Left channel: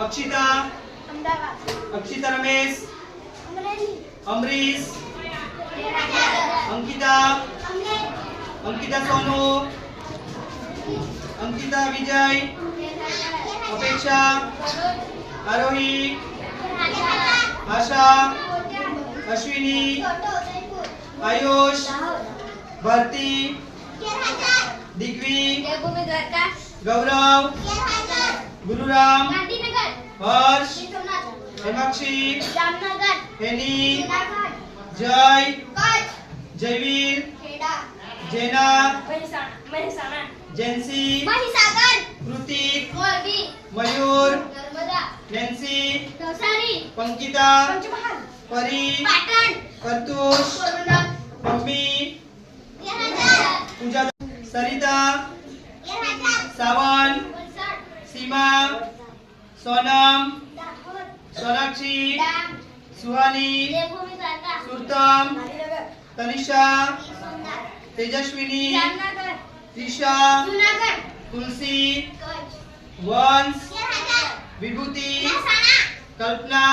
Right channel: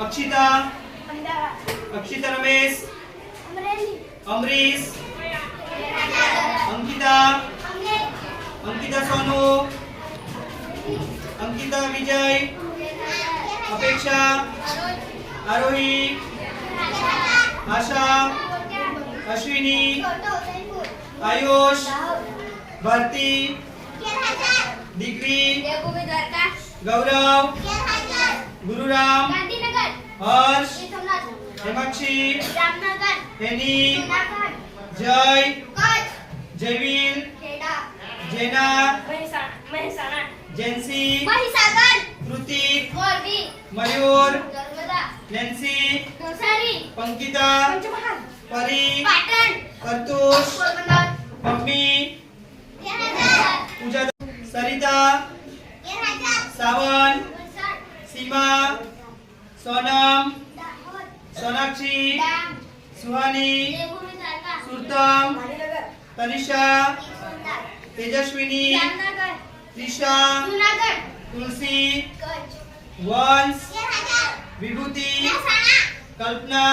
अक्षिता अमदावाद अक्षिता रमेश अमरेली अमरीश अंकिता अंकिता सोनू अंकिता विजय अपेक्षा आरोही आशा अश्विनी आयुष भारती दिग्वी गौरव गुरुराम हर्ष हेमाक्षी हेनी जय जयवीर जेना जेंसी कृतिक मयूर नैन्सी पंकिता परी प्रतुष मम्मी पूजा सरिता सावन सीमा सोनम सोनाक्षी सुहानी सुरतम तनिषा तेजस्विनी त्रिषा तुलसी वंश विभूति कल्पना